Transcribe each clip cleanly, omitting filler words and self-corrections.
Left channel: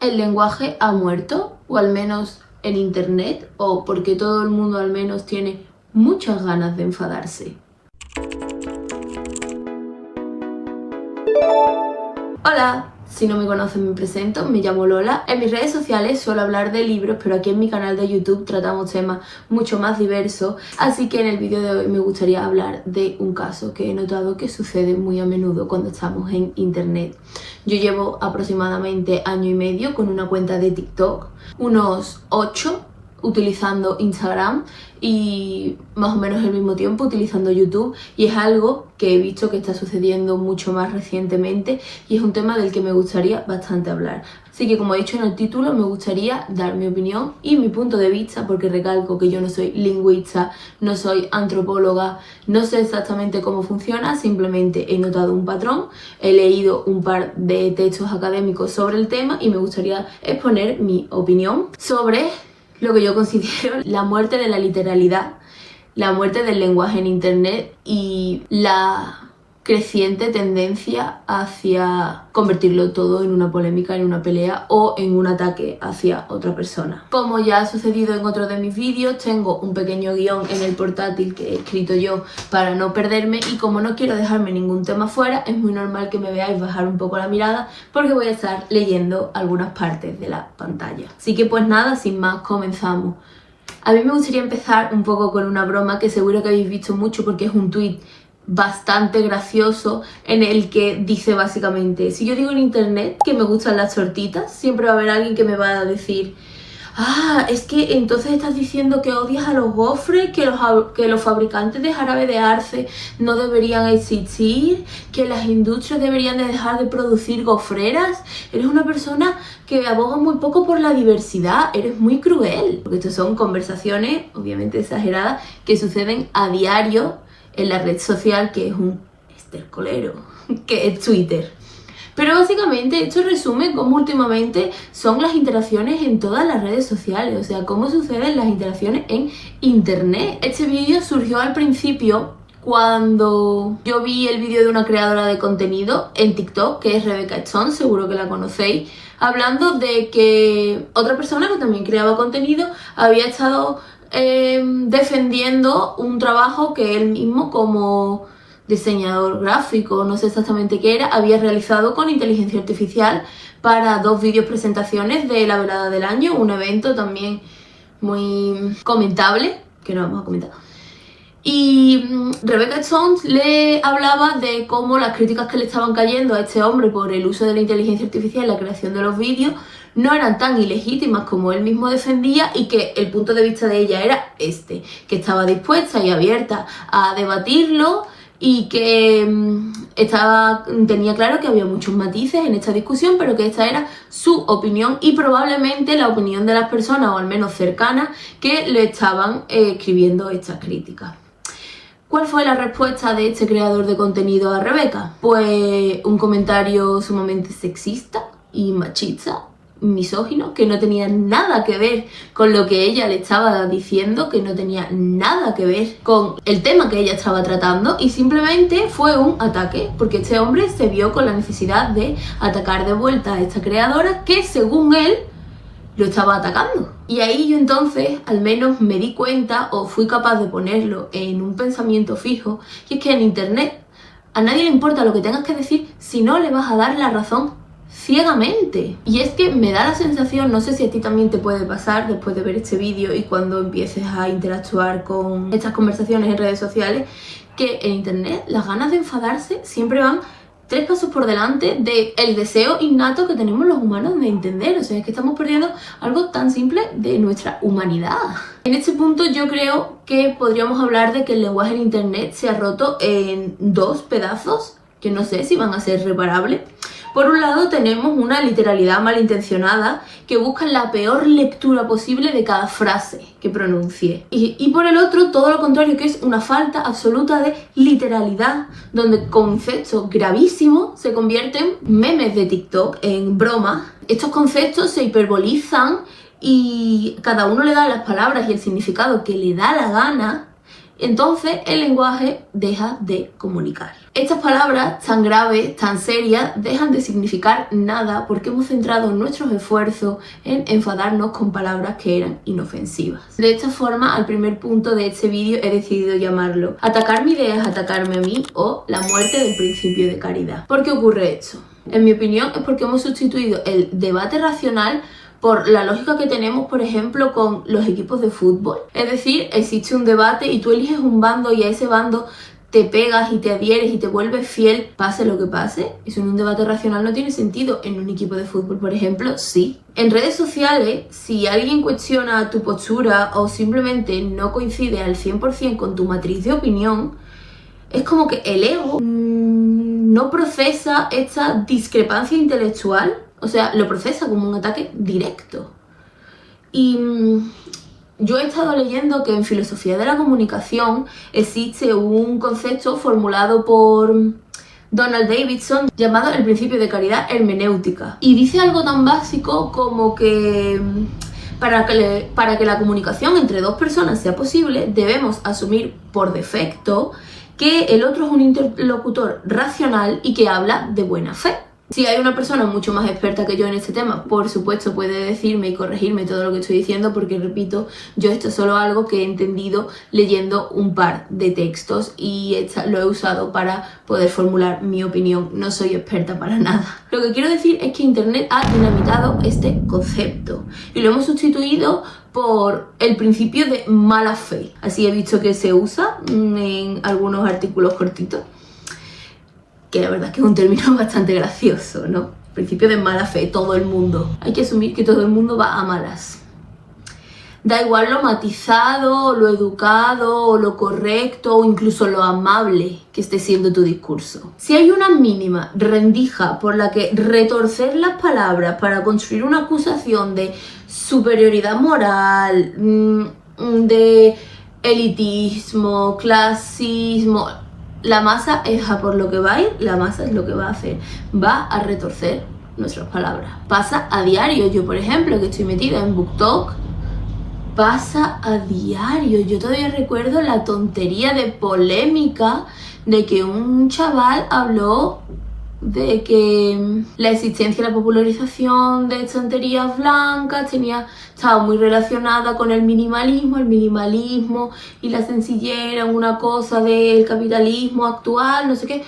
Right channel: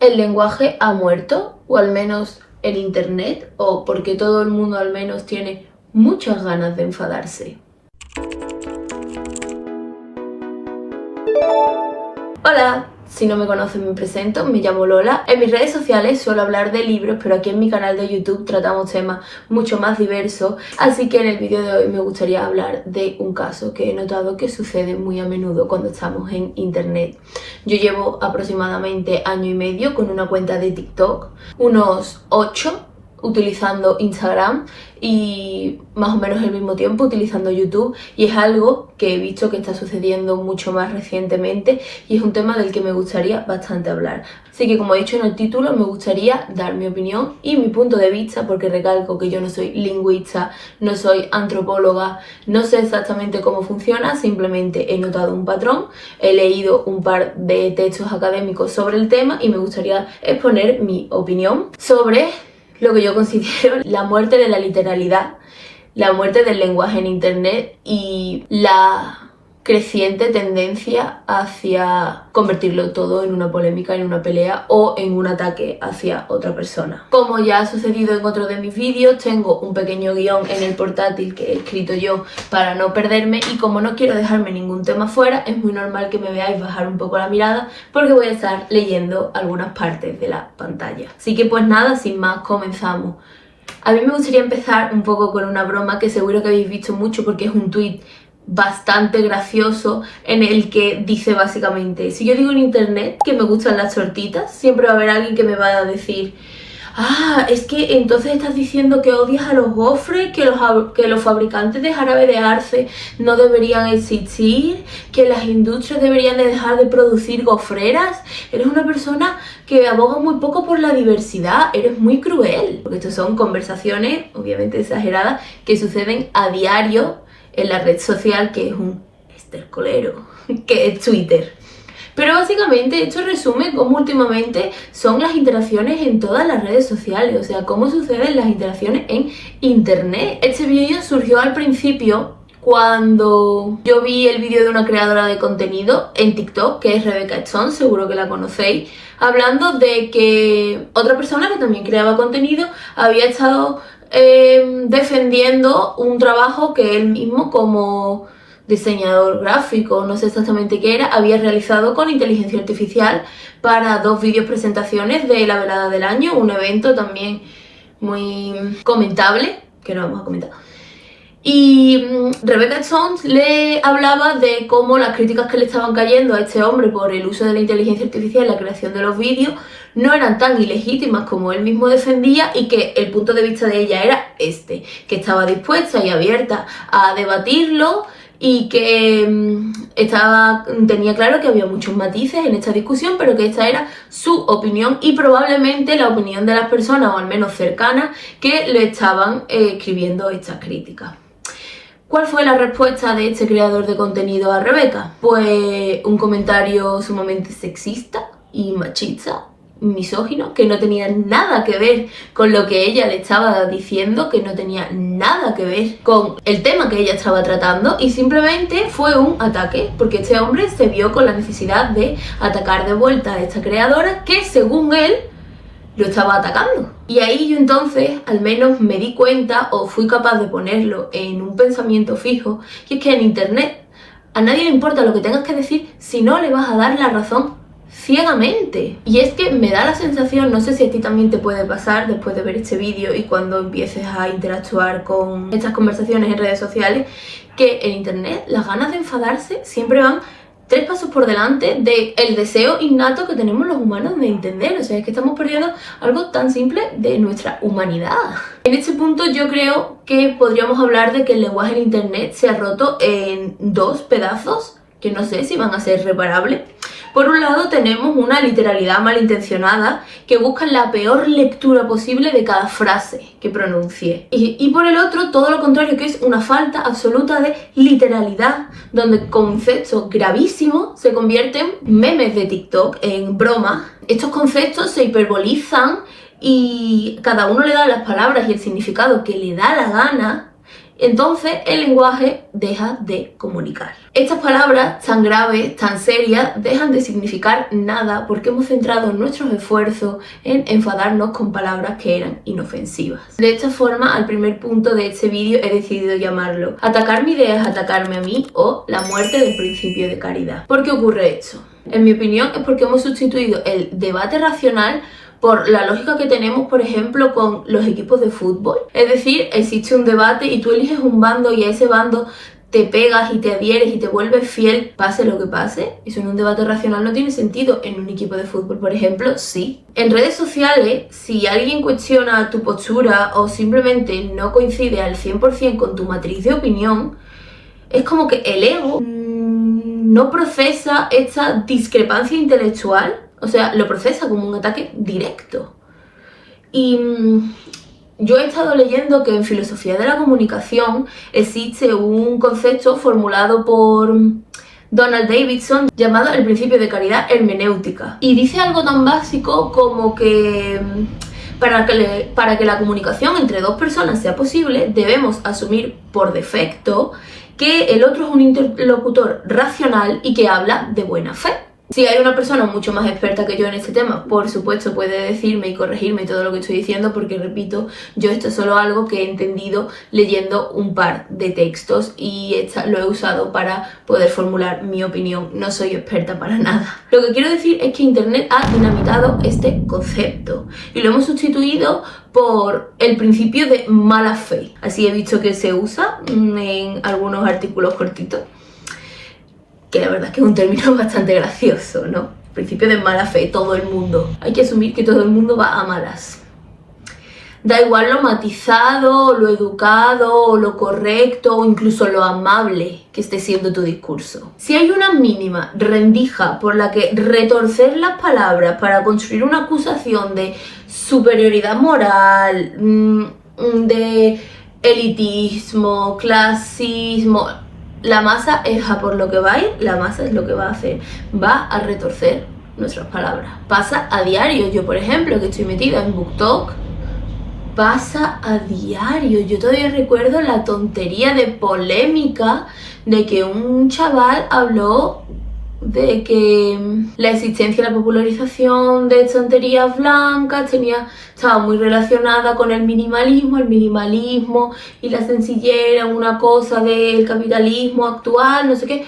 ¿El lenguaje ha muerto? O al menos el internet, o porque todo el mundo al menos tiene muchas ganas de enfadarse. Hola, si no me conocen me presento, me llamo Lola. En mis redes sociales suelo hablar de libros, pero aquí en mi canal de YouTube tratamos temas mucho más diversos, así que en el vídeo de hoy me gustaría hablar de un caso que he notado que sucede muy a menudo cuando estamos en internet. Yo llevo aproximadamente año y medio con una cuenta de TikTok, unos 8 utilizando Instagram y más o menos el mismo tiempo utilizando YouTube, y es algo que he visto que está sucediendo mucho más recientemente y es un tema del que me gustaría bastante hablar. Así que, como he dicho en el título, me gustaría dar mi opinión y mi punto de vista, porque recalco que yo no soy lingüista, no soy antropóloga, no sé exactamente cómo funciona, simplemente he notado un patrón, he leído un par de textos académicos sobre el tema y me gustaría exponer mi opinión sobre lo que yo considero la muerte de la literalidad, la muerte del lenguaje en internet y la creciente tendencia hacia convertirlo todo en una polémica, en una pelea o en un ataque hacia otra persona. Como ya ha sucedido en otro de mis vídeos, tengo un pequeño guión en el portátil que he escrito yo para no perderme, y como no quiero dejarme ningún tema fuera, es muy normal que me veáis bajar un poco la mirada porque voy a estar leyendo algunas partes de la pantalla. Así que pues nada, sin más, comenzamos. A mí me gustaría empezar un poco con una broma que seguro que habéis visto mucho porque es un tuit bastante gracioso en el que dice básicamente: si yo digo en internet que me gustan las tortitas, siempre va a haber alguien que me va a decir: ah, es que entonces estás diciendo que odias a los gofres, que los fabricantes de jarabe de arce no deberían existir, que las industrias deberían de dejar de producir gofreras. Eres una persona que aboga muy poco por la diversidad, eres muy cruel. Porque estas son conversaciones, obviamente exageradas, que suceden a diario en la red social que es un estercolero, que es Twitter. Pero básicamente esto resume cómo últimamente son las interacciones en todas las redes sociales, o sea, cómo suceden las interacciones en internet. Este vídeo surgió al principio cuando yo vi el vídeo de una creadora de contenido en TikTok, que es Rebecca Stone, seguro que la conocéis, hablando de que otra persona que también creaba contenido había estado defendiendo un trabajo que él mismo, como diseñador gráfico, no sé exactamente qué era, había realizado con inteligencia artificial para 2 vídeos presentaciones de la velada del año, un evento también muy comentable, que no vamos a comentar. Y Rebecca Stone le hablaba de cómo las críticas que le estaban cayendo a este hombre por el uso de la inteligencia artificial en la creación de los vídeos no eran tan ilegítimas como él mismo defendía, y que el punto de vista de ella era que estaba dispuesta y abierta a debatirlo, y que tenía claro que había muchos matices en esta discusión, pero que esta era su opinión y probablemente la opinión de las personas, o al menos cercanas, que le estaban escribiendo estas críticas. ¿Cuál fue la respuesta de este creador de contenido a Rebecca? Pues un comentario sumamente sexista y machista, misógino, que no tenía nada que ver con lo que ella le estaba diciendo, que no tenía nada que ver con el tema que ella estaba tratando, y simplemente fue un ataque, porque este hombre se vio con la necesidad de atacar de vuelta a esta creadora que, según él, lo estaba atacando. Y ahí yo entonces al menos me di cuenta, o fui capaz de ponerlo en un pensamiento fijo, y es que en internet a nadie le importa lo que tengas que decir si no le vas a dar la razón ciegamente. Y es que me da la sensación, no sé si a ti también te puede pasar después de ver este vídeo y cuando empieces a interactuar con estas conversaciones en redes sociales, que en internet las ganas de enfadarse siempre van 3 pasos por delante del deseo innato que tenemos los humanos de entender. O sea, es que estamos perdiendo algo tan simple de nuestra humanidad. En este punto yo creo que podríamos hablar de que el lenguaje en internet se ha roto en 2 pedazos que no sé si van a ser reparables. Por un lado tenemos una literalidad malintencionada que busca la peor lectura posible de cada frase que pronuncie. Y por el otro, todo lo contrario, que es una falta absoluta de literalidad, donde conceptos gravísimos se convierten en memes de TikTok, en bromas. Estos conceptos se hiperbolizan y cada uno le da las palabras y el significado que le da la gana. entonces el lenguaje deja de comunicar. Estas palabras tan graves, tan serias, dejan de significar nada porque hemos centrado nuestros esfuerzos en enfadarnos con palabras que eran inofensivas. De esta forma, al primer punto de este vídeo he decidido llamarlo "Atacar mi idea es atacarme a mí" o "La muerte del principio de caridad". ¿Por qué ocurre esto? En mi opinión es porque hemos sustituido el debate racional por la lógica que tenemos, por ejemplo, con los equipos de fútbol. Es decir, existe un debate y tú eliges un bando y a ese bando te pegas y te adhieres y te vuelves fiel, pase lo que pase. Eso en un debate racional no tiene sentido. En un equipo de fútbol, por ejemplo, sí. En redes sociales, si alguien cuestiona tu postura o simplemente no coincide al 100% con tu matriz de opinión, es como que el ego no procesa esta discrepancia intelectual. O sea, lo procesa como un ataque directo. Y yo he estado leyendo que en filosofía de la comunicación existe un concepto formulado por Donald Davidson llamado el principio de caridad hermenéutica. Y dice algo tan básico como que para que la comunicación entre dos personas sea posible, debemos asumir por defecto que el otro es un interlocutor racional y que habla de buena fe. Si hay una persona mucho más experta que yo en este tema, por supuesto puede decirme y corregirme todo lo que estoy diciendo, porque repito, yo esto es solo algo que he entendido leyendo un par de textos y lo he usado para poder formular mi opinión. No soy experta para nada. Lo que quiero decir es que Internet ha dinamitado este concepto y lo hemos sustituido por el principio de mala fe. Así he visto que se usa en algunos artículos cortitos, que la verdad es que es un término bastante gracioso, ¿no? Principio de mala fe, todo el mundo. Hay que asumir que todo el mundo va a malas. Da igual lo matizado, lo educado, lo correcto o incluso lo amable que esté siendo tu discurso. Si hay una mínima rendija por la que retorcer las palabras para construir una acusación de superioridad moral, de elitismo, clasismo, la masa es a por lo que va a ir, la masa es lo que va a hacer. Va a retorcer nuestras palabras. Pasa a diario. Yo, por ejemplo, que estoy metida en BookTok, pasa a diario. Yo todavía recuerdo la tontería de polémica de que un chaval habló de que la existencia y la popularización de estanterías blancas estaba muy relacionada con el minimalismo y la sencillez era una cosa del capitalismo actual, no sé qué,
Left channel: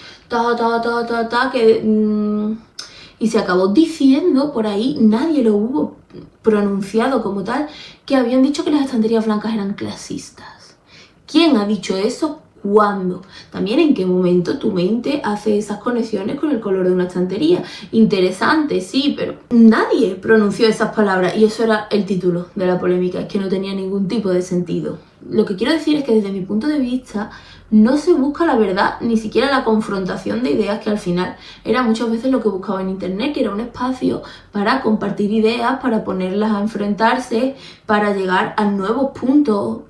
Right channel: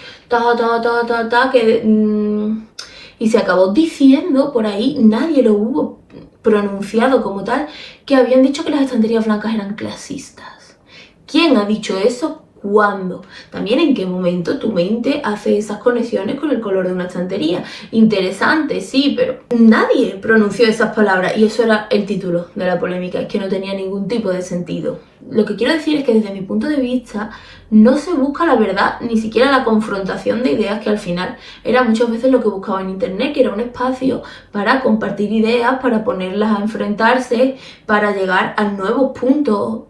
y se acabó diciendo por ahí, nadie lo hubo pronunciado como tal, que habían dicho que las estanterías blancas eran clasistas. ¿Quién ha dicho eso? ¿Cuándo? También en qué momento tu mente hace esas conexiones con el color de una estantería. Interesante, sí, pero nadie pronunció esas palabras y eso era el título de la polémica, es que no tenía ningún tipo de sentido. Lo que quiero decir es que desde mi punto de vista no se busca la verdad, ni siquiera la confrontación de ideas, que al final era muchas veces lo que buscaba en Internet, que era un espacio para compartir ideas, para ponerlas a enfrentarse, para llegar a nuevos puntos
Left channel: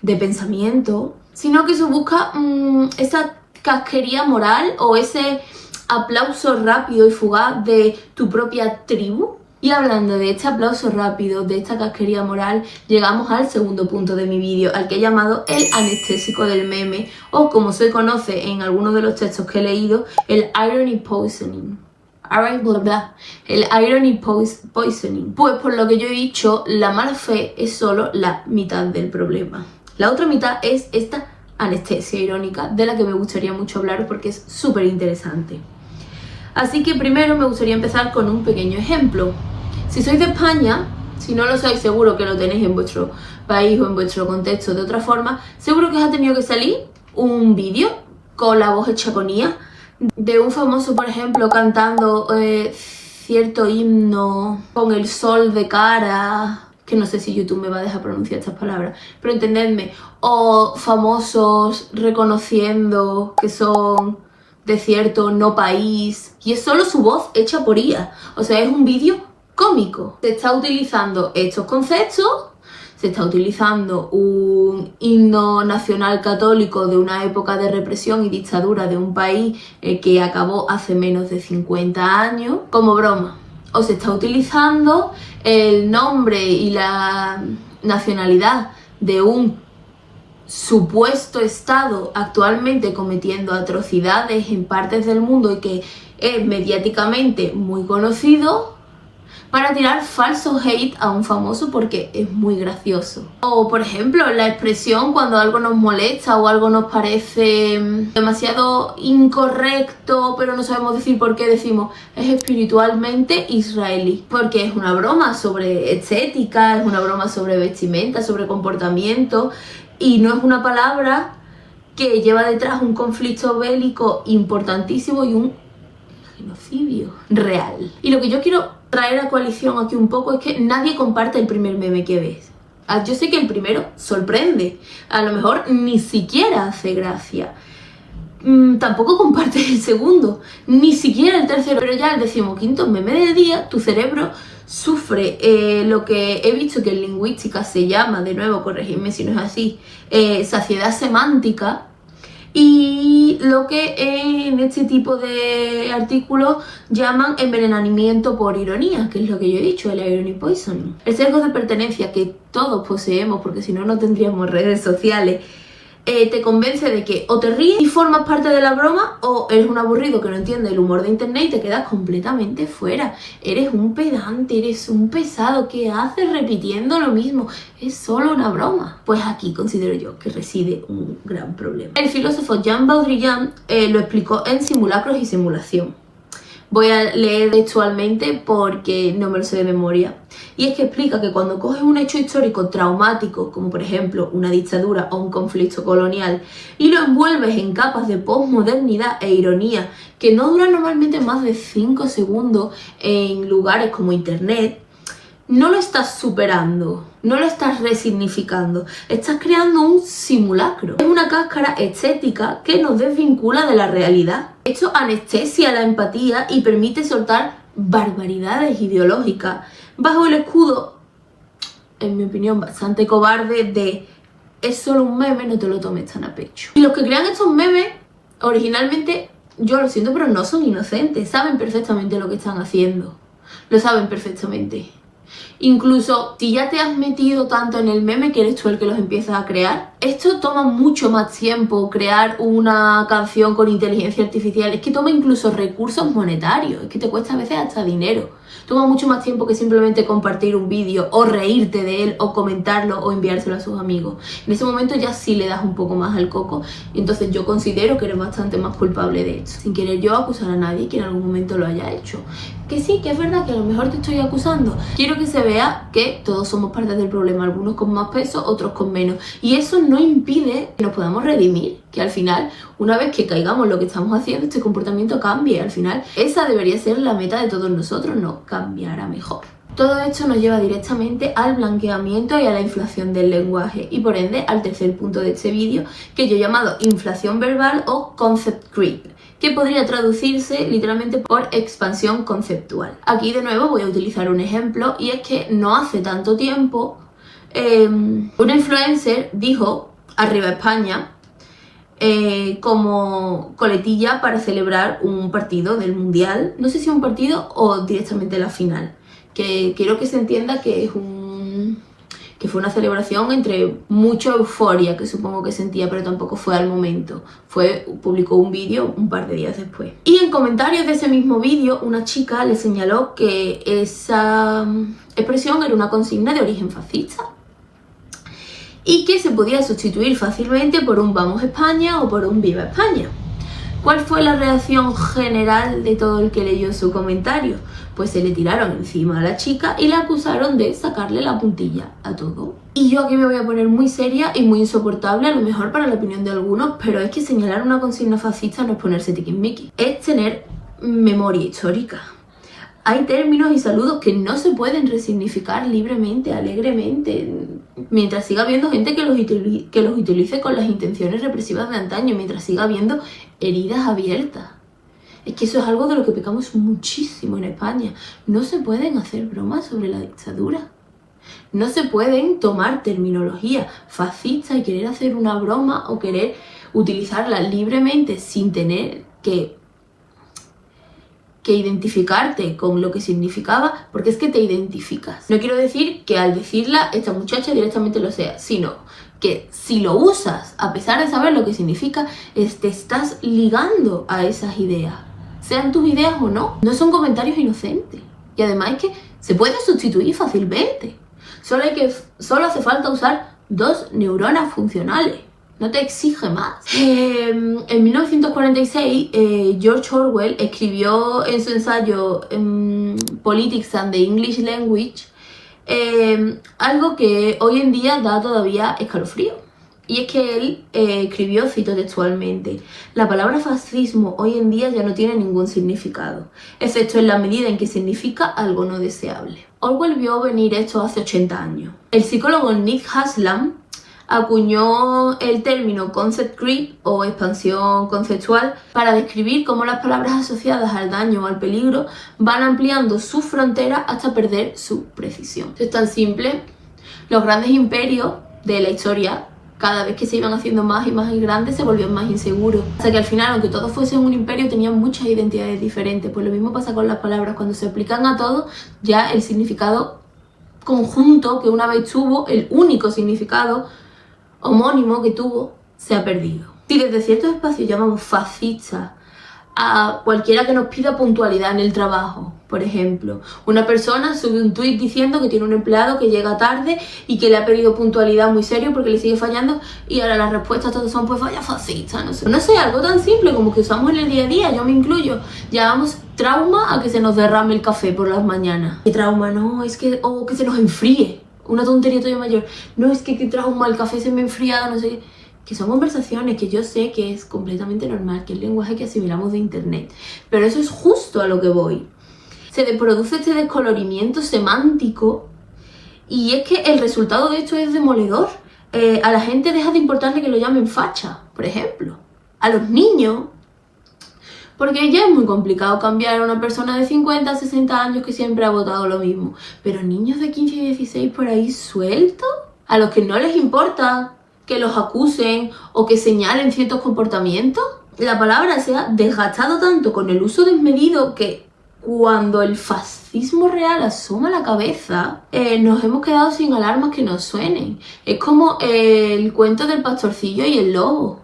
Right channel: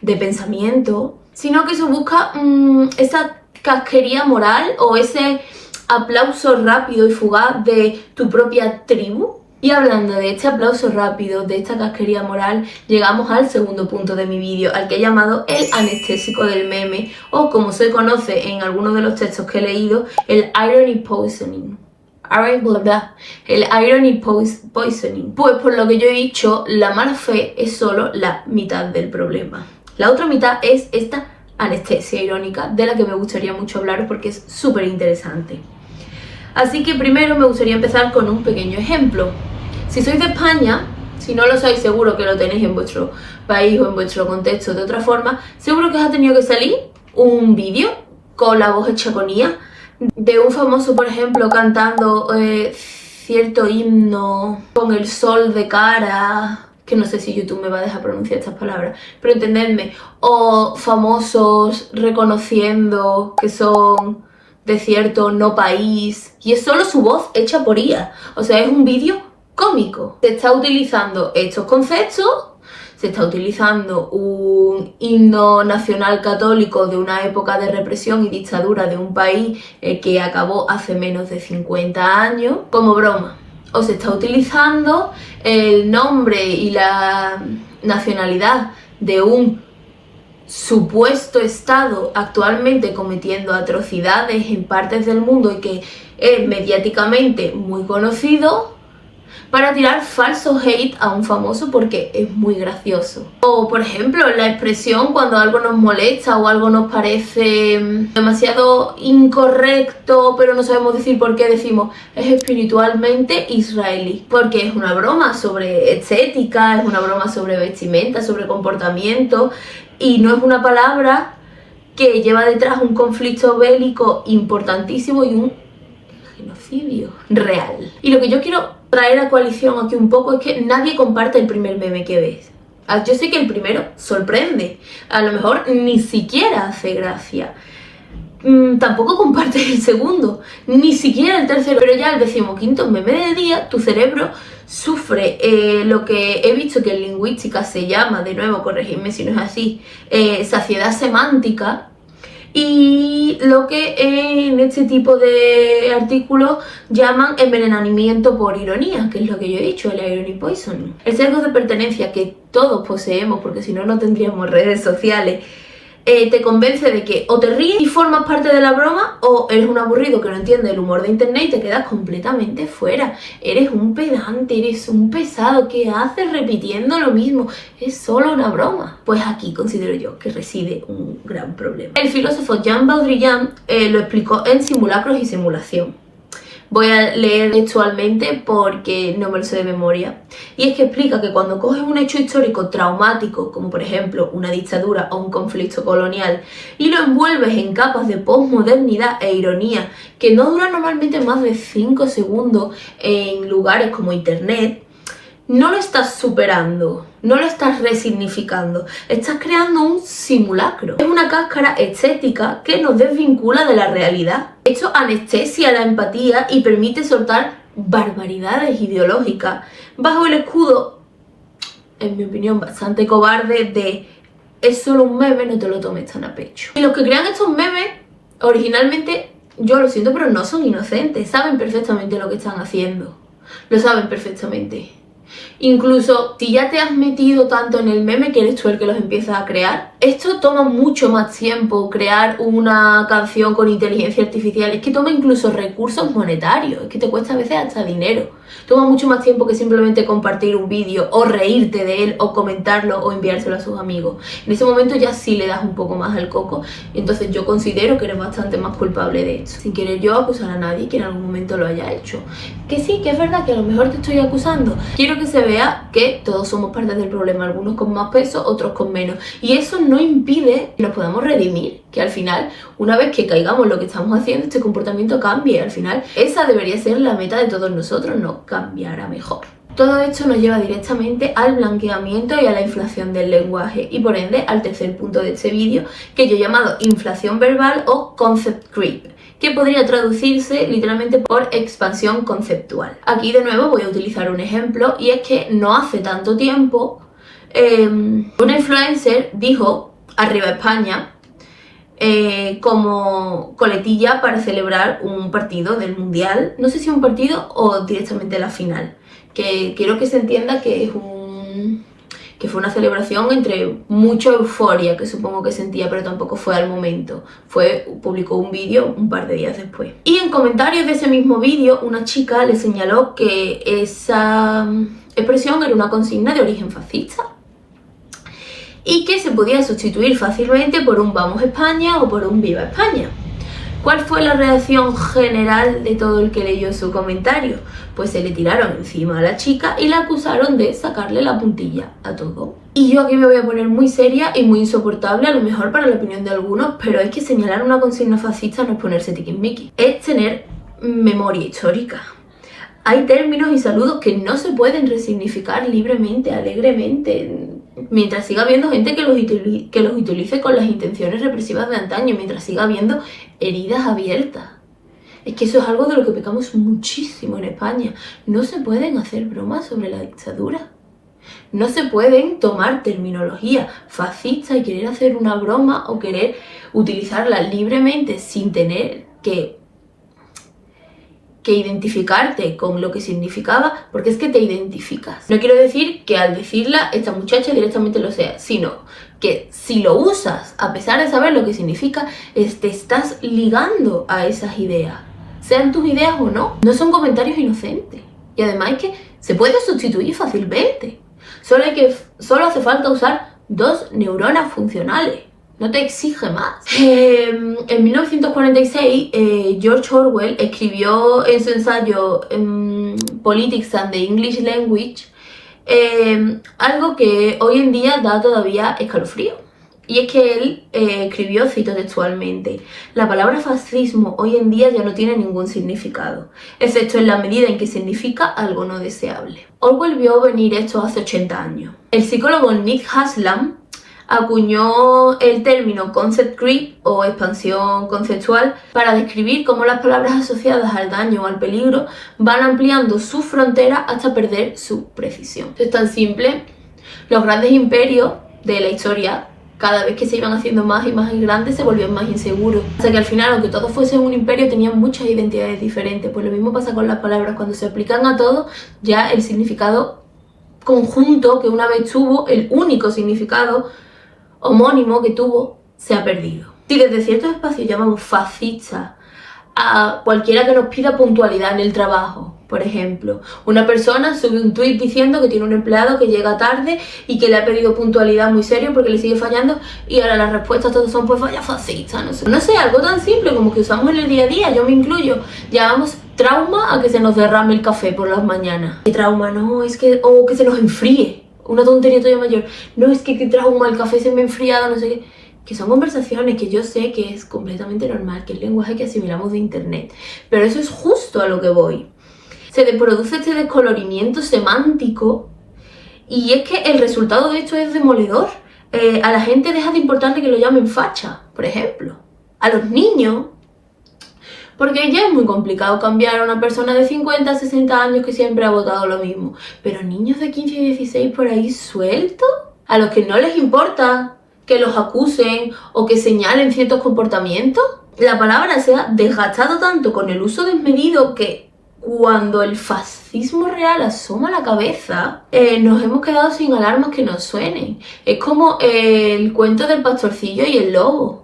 de pensamiento, sino que se busca esa casquería moral o ese aplauso rápido y fugaz de tu propia tribu. Y hablando de este aplauso rápido, de esta casquería moral, llegamos al segundo punto de mi vídeo, al que he llamado el anestésico del meme, o como se conoce en algunos de los textos que he leído, el irony poisoning. El irony poisoning. Pues por lo que yo he dicho, la mala fe es solo la mitad del problema. La otra mitad es esta anestesia irónica, de la que me gustaría mucho hablar porque es súper interesante. Así que primero me gustaría empezar con un pequeño ejemplo. Si sois de España, si no lo sois, seguro que lo tenéis en vuestro país o en vuestro contexto de otra forma, seguro que os ha tenido que salir un vídeo con la voz hecha con IA de un famoso, por ejemplo, cantando cierto himno con el sol de cara, que no sé si YouTube me va a dejar pronunciar estas palabras, pero entendedme, o famosos reconociendo que son de cierto no país, y es solo su voz hecha por IA, o sea, es un vídeo cómico. Se está utilizando estos conceptos, se está utilizando un himno nacional católico de una época de represión y dictadura de un país que acabó hace menos de 50 años, como broma. O se está utilizando el nombre y la nacionalidad de un supuesto Estado actualmente cometiendo atrocidades en partes del mundo y que es mediáticamente muy conocido, para tirar falso hate a un famoso porque es muy gracioso. O por ejemplo, la expresión cuando algo nos molesta o algo nos parece demasiado incorrecto, pero no sabemos decir por qué, decimos es espiritualmente israelí, porque es una broma sobre estética, es una broma sobre vestimenta, sobre comportamiento, y no es una palabra que lleva detrás un conflicto bélico importantísimo y un genocidio real. Y lo que yo quiero traer a coalición aquí un poco es que nadie comparte el primer meme que ves. Yo sé que el primero sorprende, a lo mejor ni siquiera hace gracia. Tampoco compartes el segundo, ni siquiera el tercero, pero ya el 15º meme del día, tu cerebro sufre lo que he visto que en lingüística se llama, de nuevo, corregidme si no es así, saciedad semántica. Y lo que en este tipo de artículos llaman envenenamiento por ironía, que es lo que yo he dicho, el irony poisoning. El sesgo de pertenencia que todos poseemos, porque si no, no tendríamos redes sociales, te convence de que o te ríes y formas parte de la broma, o eres un aburrido que no entiende el humor de internet y te quedas completamente fuera. Eres un pedante, eres un pesado, ¿qué haces repitiendo lo mismo? Es solo una broma. Pues aquí considero yo que reside un gran problema. El filósofo Jean Baudrillard lo explicó en Simulacros y Simulación. Voy a leer textualmente porque no me lo sé de memoria. Y es que explica que cuando coges un hecho histórico traumático, como por ejemplo una dictadura o un conflicto colonial, y lo envuelves en capas de posmodernidad e ironía que no duran normalmente más de 5 segundos en lugares como internet, no lo estás superando, no lo estás resignificando, estás creando un simulacro. Es una cáscara estética que nos desvincula de la realidad. Esto anestesia la empatía y permite soltar barbaridades ideológicas bajo el escudo, en mi opinión, bastante cobarde de es solo un meme, no te lo tomes tan a pecho. Y los que crean estos memes, originalmente, yo lo siento, pero no son inocentes, saben perfectamente lo que están haciendo, lo saben perfectamente. Incluso si ya te has metido tanto en el meme que eres tú el que los empiezas a crear, esto toma mucho más tiempo. Crear una canción con inteligencia artificial es que toma incluso recursos monetarios, es que te cuesta a veces hasta dinero. Toma mucho más tiempo que simplemente compartir un vídeo o reírte de él o comentarlo o enviárselo a sus amigos. En ese momento ya sí le das un poco más al coco y entonces yo considero que eres bastante más culpable de esto. Sin querer yo acusar a nadie que en algún momento lo haya hecho. Que sí, que es verdad que a lo mejor te estoy acusando. Quiero que se vea que todos somos parte del problema, algunos con más peso, otros con menos. Y eso no impide que nos podamos redimir, que al final, una vez que caigamos lo que estamos haciendo, este comportamiento cambie. Al final, esa debería ser la meta de todos nosotros, no cambiar a mejor. Todo esto nos lleva directamente al blanqueamiento y a la inflación del lenguaje y por ende al tercer punto de este vídeo que yo he llamado inflación verbal o concept creep, que podría traducirse literalmente por expansión conceptual. Aquí de nuevo voy a utilizar un ejemplo y es que no hace tanto tiempo una influencer dijo arriba España como coletilla para celebrar un partido del mundial, no sé si un partido o directamente la final, que quiero que se entienda que es que fue una celebración entre mucha euforia que supongo que sentía, pero tampoco fue al momento. Publicó un vídeo un par de días después. Y en comentarios de ese mismo vídeo, una chica le señaló que esa expresión era una consigna de origen fascista y que se podía sustituir fácilmente por un Vamos España o por un Viva España. ¿Cuál fue la reacción general de todo el que leyó su comentario? Pues se le tiraron encima a la chica y la acusaron de sacarle la puntilla a todo. Y yo aquí me voy a poner muy seria y muy insoportable, a lo mejor para la opinión de algunos, pero es que señalar una consigna fascista no es ponerse tiquismiquis, es tener memoria histórica. Hay términos y saludos que no se pueden resignificar libremente, alegremente, mientras siga habiendo gente que los utilice con las intenciones represivas de antaño, mientras siga habiendo heridas abiertas. Es que eso es algo de lo que pecamos muchísimo en España. No se pueden hacer bromas sobre la dictadura. No se pueden tomar terminología fascista y querer hacer una broma o querer utilizarla libremente sin tener que identificarte con lo que significaba, porque es que te identificas. No quiero decir que al decirla esta muchacha directamente lo sea, sino que si lo usas, a pesar de saber lo que significa, te estás ligando a esas ideas. Sean tus ideas o no. No son comentarios inocentes. Y además es que se puede sustituir fácilmente. Solo hace falta usar 2 neuronas funcionales. No te exige más. En 1946, George Orwell escribió en su ensayo Politics and the English Language algo que hoy en día da todavía escalofrío. Y es que él escribió, cito textualmente: la palabra fascismo hoy en día ya no tiene ningún significado, excepto en la medida en que significa algo no deseable. Orwell vio venir esto hace 80 años. El psicólogo Nick Haslam acuñó el término concept creep o expansión conceptual para describir cómo las palabras asociadas al daño o al peligro van ampliando sus fronteras hasta perder su precisión. Es tan simple. Los grandes imperios de la historia, cada vez que se iban haciendo más y más grandes, se volvían más inseguros. Hasta que al final, aunque todos fuesen un imperio, tenían muchas identidades diferentes. Pues lo mismo pasa con las palabras. Cuando se aplican a todo, ya el significado conjunto que una vez tuvo, el único significado homónimo que tuvo, se ha perdido. Si desde ciertos espacios llamamos fascista a cualquiera que nos pida puntualidad en el trabajo, por ejemplo, una persona sube un tuit diciendo que tiene un empleado que llega tarde y que le ha pedido puntualidad muy serio porque le sigue fallando, y ahora las respuestas todas son pues vaya fascista, no sé, algo tan simple como que usamos en el día a día, yo me incluyo, llamamos trauma a que se nos derrame el café por las mañanas. ¿Qué trauma? No, es que, o que se nos enfríe. Una tontería todavía mayor. No, es que qué trauma, el café se me ha enfriado, no sé qué. Que son conversaciones que yo sé que es completamente normal, que es el lenguaje que asimilamos de internet. Pero eso es justo a lo que voy. Se produce este descolorimiento semántico y es que el resultado de esto es demoledor. A la gente deja de importarle que lo llamen facha, por ejemplo. A los niños, porque ya es muy complicado cambiar a una persona de 50, 60 años que siempre ha votado lo mismo. Pero niños de 15 y 16 por ahí sueltos, a los que no les importa que los acusen o que señalen ciertos comportamientos. La palabra se ha desgastado tanto con el uso desmedido que cuando el fascismo real asoma la cabeza, nos hemos quedado sin alarmas que nos suenen. Es como el cuento del pastorcillo y el lobo.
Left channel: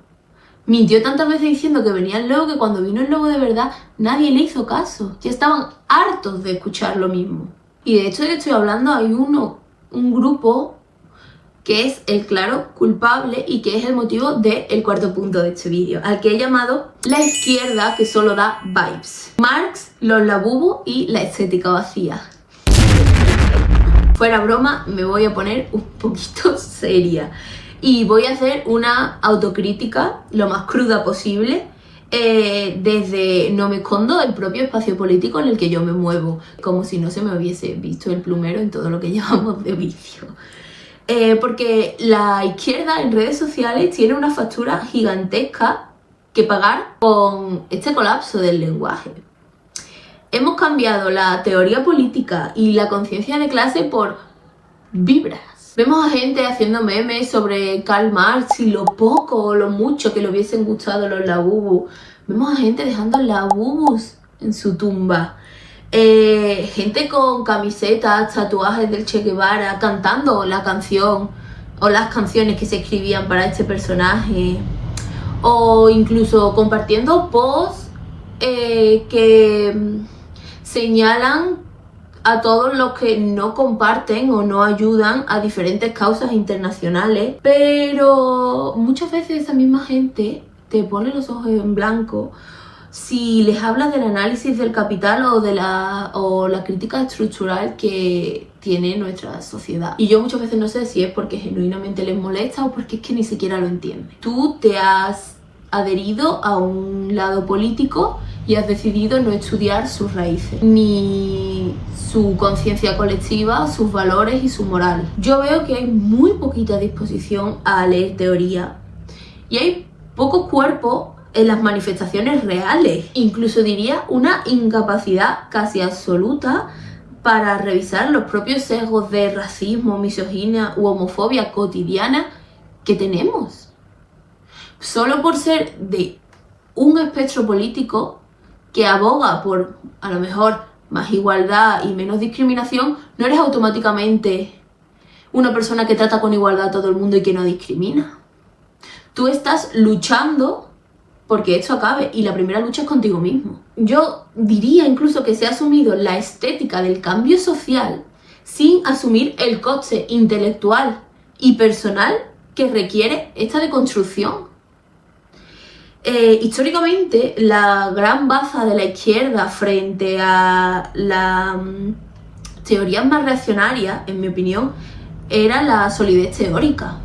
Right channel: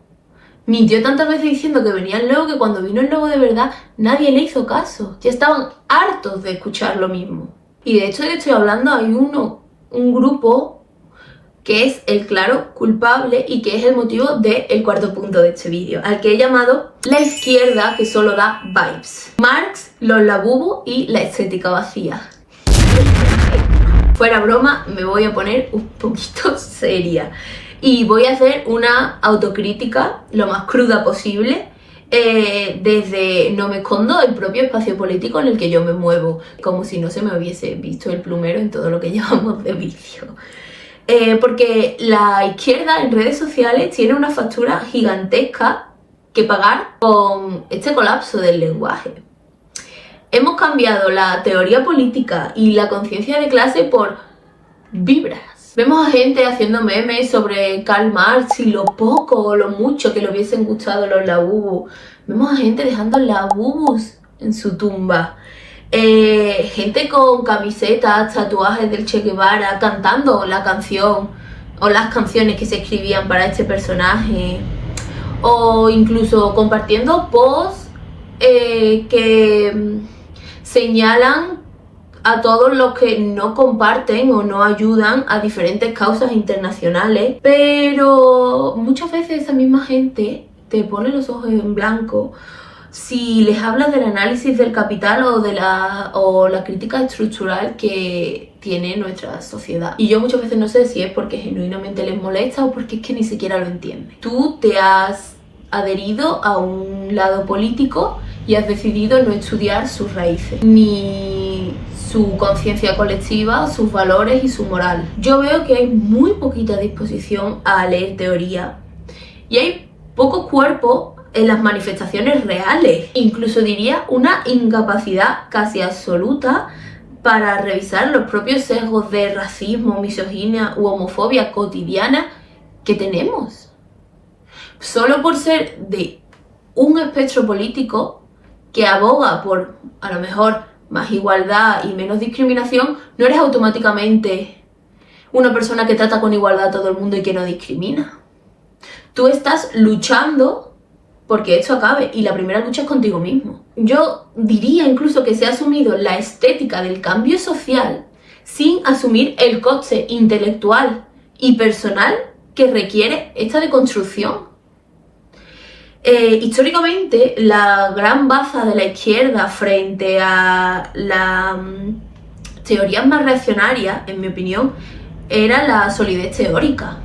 Mintió tantas veces diciendo que venía el lobo que cuando vino el lobo de verdad nadie le hizo caso. Ya estaban hartos de escuchar lo mismo. Y de hecho, estoy hablando, hay un grupo que es el claro culpable y que es el motivo del cuarto punto de este vídeo, al que he llamado la izquierda que solo da vibes. Marx, los labubos y la estética vacía. Fuera broma, me voy a poner un poquito seria. Y voy a hacer una autocrítica lo más cruda posible desde, no me escondo, el propio espacio político en el que yo me muevo, como si no se me hubiese visto el plumero en todo lo que llevamos de vídeo. Porque la izquierda en redes sociales tiene una factura gigantesca que pagar con este colapso del lenguaje. Hemos cambiado la teoría política y la conciencia de clase por vibras. Vemos a gente haciendo memes sobre Karl Marx y lo poco o lo mucho que le hubiesen gustado los labubus. Vemos a gente dejando labubus en su tumba. Gente con camisetas, tatuajes del Che Guevara, cantando la canción o las canciones que se escribían para este personaje. O incluso compartiendo posts que señalan a todos los que no comparten o no ayudan a diferentes causas internacionales, pero muchas veces esa misma gente te pone los ojos en blanco si les hablas del análisis del capital o la crítica estructural que tiene nuestra sociedad. Y yo muchas veces no sé si es porque genuinamente les molesta o porque es que ni siquiera lo entienden. Tú te has adherido a un lado político y has decidido no estudiar sus raíces, ni su conciencia colectiva, sus valores y su moral. Yo veo que hay muy poquita disposición a leer teoría y hay poco cuerpo en las manifestaciones reales. Incluso diría una incapacidad casi absoluta para revisar los propios sesgos de racismo, misoginia u homofobia cotidiana que tenemos. Solo por ser de un espectro político que aboga por, a lo mejor, más igualdad y menos discriminación, no eres automáticamente una persona que trata con igualdad a todo el mundo y que no discrimina. Tú estás luchando porque esto acabe y la primera lucha es contigo mismo. Yo diría incluso que se ha asumido la estética del cambio social sin asumir el coste intelectual y personal que requiere esta deconstrucción. Históricamente, la gran baza de la izquierda frente a las teorías más reaccionarias, en mi opinión, era la solidez teórica.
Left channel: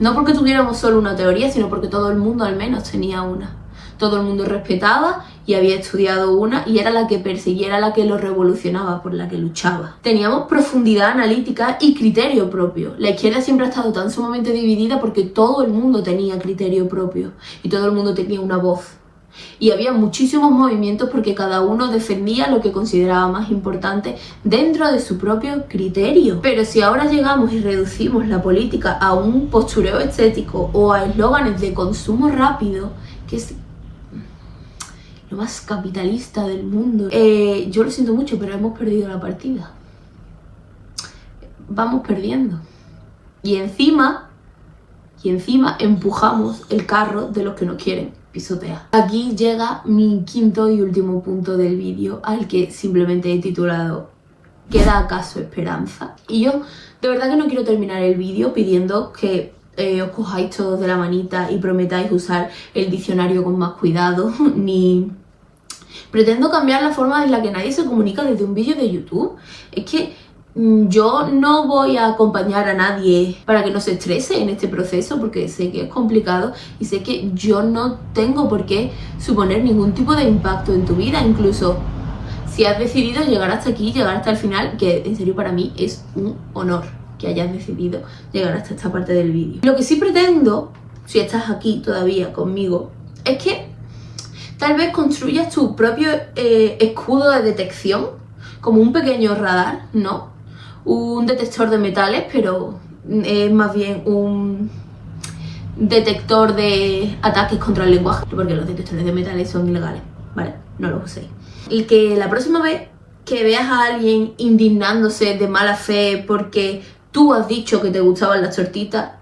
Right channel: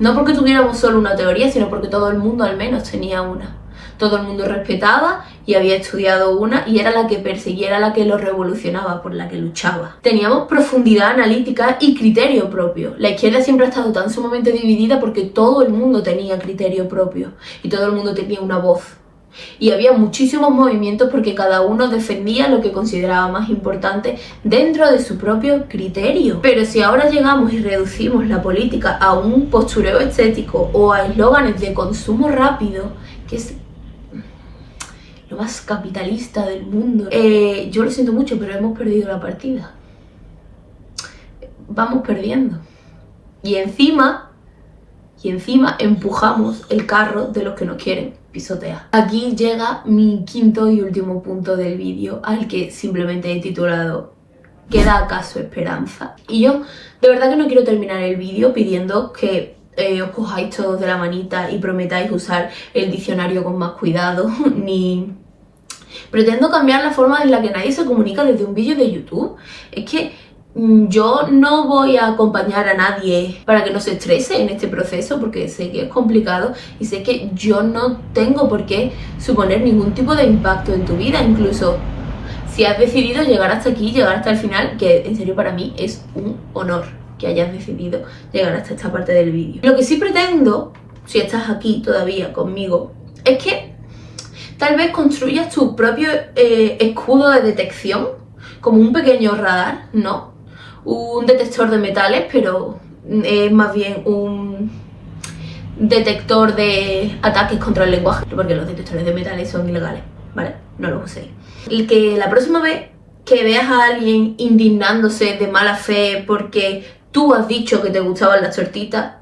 No porque tuviéramos solo una teoría, sino porque todo el mundo al menos tenía una. Todo el mundo respetaba y había estudiado una y era la que perseguía, era la que lo revolucionaba, por la que luchaba. Teníamos profundidad analítica y criterio propio. La izquierda siempre ha estado tan sumamente dividida porque todo el mundo tenía criterio propio y todo el mundo tenía una voz. Y había muchísimos movimientos porque cada uno defendía lo que consideraba más importante dentro de su propio criterio. Pero si ahora llegamos y reducimos la política a un postureo estético o a eslóganes de consumo rápido, que es lo más capitalista del mundo, yo lo siento mucho, pero hemos perdido la partida. Vamos perdiendo. Y encima empujamos el carro de los que nos quieren pisotear. Aquí llega mi quinto y último punto del vídeo, al que simplemente he titulado ¿Queda acaso esperanza? Y yo de verdad que no quiero terminar el vídeo pidiendo que os cojáis todos de la manita y prometáis usar el diccionario con más cuidado, ni pretendo cambiar la forma en la que nadie se comunica desde un vídeo de YouTube. Es que yo no voy a acompañar a nadie para que no se estrese en este proceso, porque sé que es complicado y sé que yo no tengo por qué suponer ningún tipo de impacto en tu vida. Incluso si has decidido llegar hasta aquí, llegar hasta el final, que en serio para mí es un honor que hayas decidido llegar hasta esta parte del vídeo. Lo que sí pretendo, si estás aquí todavía conmigo, es que tal vez construyas tu propio escudo de detección, como un pequeño radar, ¿no? Un detector de metales, pero es más bien un detector de ataques contra el lenguaje, porque los detectores de metales son ilegales, ¿vale? No los uséis. Y que la próxima vez que veas a alguien indignándose de mala fe porque tú has dicho que te gustaban las tortitas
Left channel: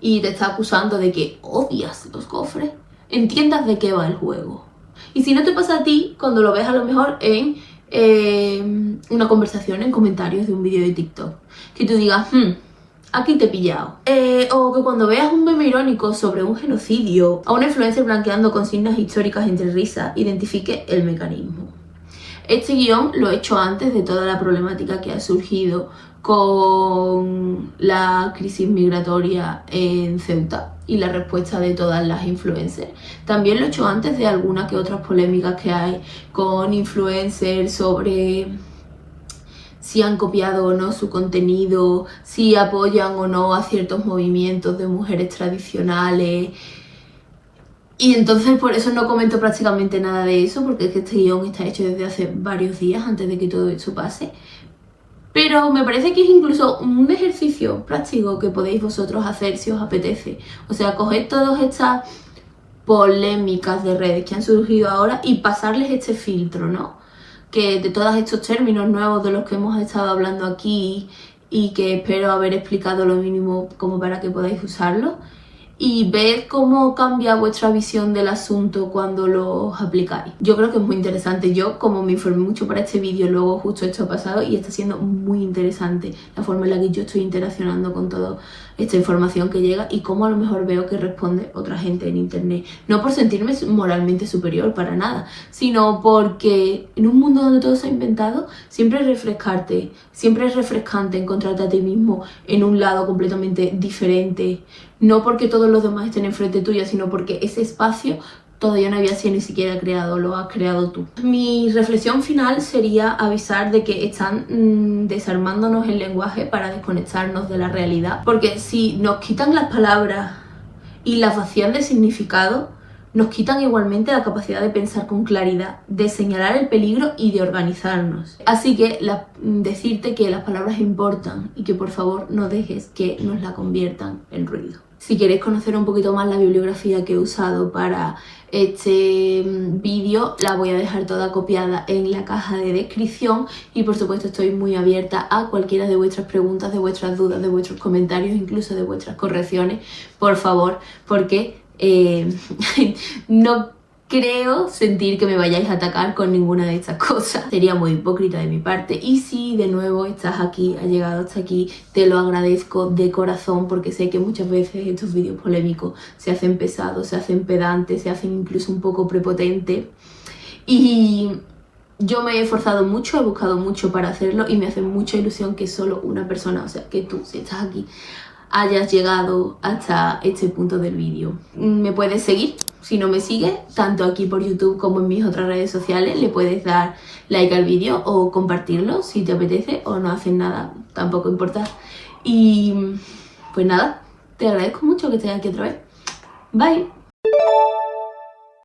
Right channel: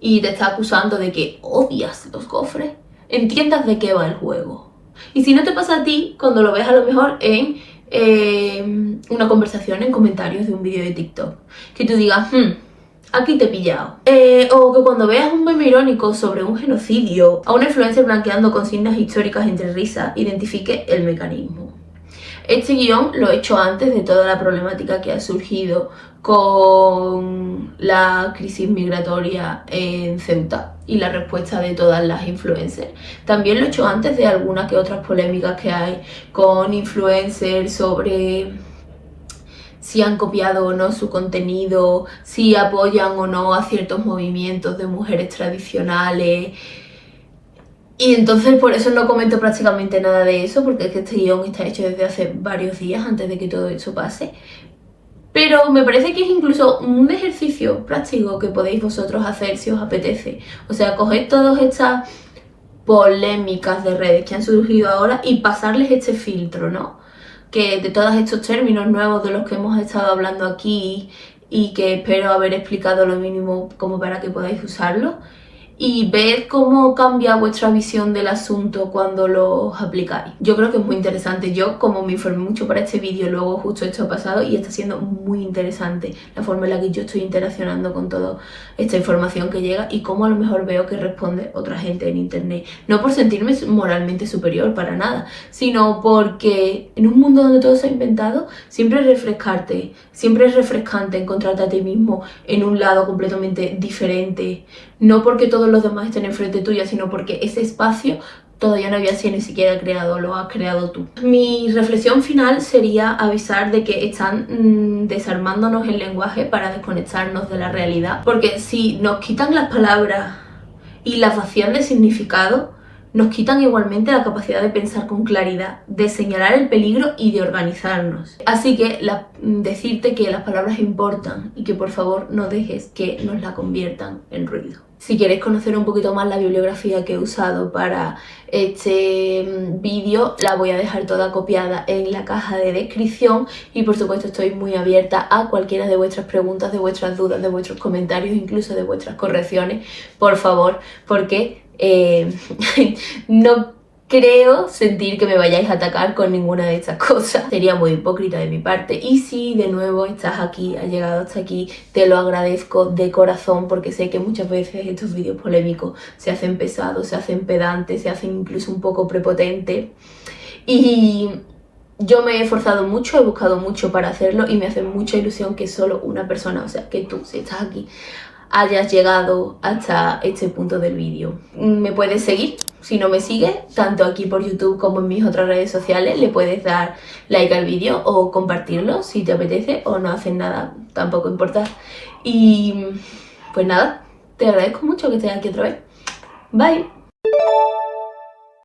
y te está acusando de que odias los gofres, entiendas de qué va el juego. Y si no te pasa a ti, cuando lo ves a lo mejor en una conversación en comentarios de un vídeo de TikTok, que tú digas, aquí te he pillado. O que cuando veas un meme irónico sobre un genocidio, a una influencer blanqueando consignas históricas entre risas, identifique el mecanismo. Este guión lo he hecho antes de toda la problemática que ha surgido con la crisis migratoria en Ceuta y la respuesta de todas las influencers. También lo he hecho antes de algunas que otras polémicas que hay con influencers sobre si han copiado o no su contenido, si apoyan o no a ciertos movimientos de mujeres tradicionales. Y entonces por eso no comento prácticamente nada de eso, porque es que este guión está hecho desde hace varios días antes de que todo esto pase. Pero me parece que es incluso un ejercicio práctico que podéis vosotros hacer si os apetece. O sea, coged todas estas polémicas de redes que han surgido ahora y pasarles este filtro, ¿no? Que de todos estos términos nuevos de los que hemos estado hablando aquí y que espero haber explicado lo mínimo como para que podáis usarlos, y ver cómo cambia vuestra visión del asunto cuando los aplicáis. Yo creo que es muy interesante. Yo, como me informé mucho para este vídeo, luego justo esto ha pasado y está siendo muy interesante la forma en la que yo estoy interaccionando con toda esta información que llega y cómo a lo mejor veo que responde otra gente en internet. No por sentirme moralmente superior, para nada, sino porque en un mundo donde todo se ha inventado, siempre es refrescante encontrarte a ti mismo en un lado completamente diferente. No porque todos los demás estén enfrente tuya, sino porque ese espacio todavía no había sido ni siquiera creado, lo has creado tú. Mi reflexión final sería avisar de que están desarmándonos el lenguaje para desconectarnos de la realidad, porque si nos quitan las palabras y las vacían de significado, nos quitan igualmente la capacidad de pensar con claridad, de señalar el peligro y de organizarnos. Así que decirte que las palabras importan y que por favor no dejes que nos la conviertan en ruido. Si queréis conocer un poquito más la bibliografía que he usado para este vídeo, la voy a dejar toda copiada en la caja de descripción y por supuesto estoy muy abierta a cualquiera de vuestras preguntas, de vuestras dudas, de vuestros comentarios, incluso de vuestras correcciones, por favor, porque no creo sentir que me vayáis a atacar con ninguna de estas cosas. Sería muy hipócrita de mi parte. Y si de nuevo estás aquí, has llegado hasta aquí, te lo agradezco de corazón porque sé que muchas veces estos vídeos polémicos se hacen pesados, se hacen pedantes, se hacen incluso un poco prepotentes. Y yo me he esforzado mucho, he buscado mucho para hacerlo y me hace mucha ilusión que solo una persona, o sea, que tú, si estás aquí, hayas llegado hasta este punto del vídeo. Me puedes seguir, si no me sigues, tanto aquí por YouTube como en mis otras redes sociales. Le puedes dar like al vídeo o compartirlo si te apetece, o no haces nada, tampoco importa. Y pues nada, te agradezco mucho que estés aquí otra vez. Bye.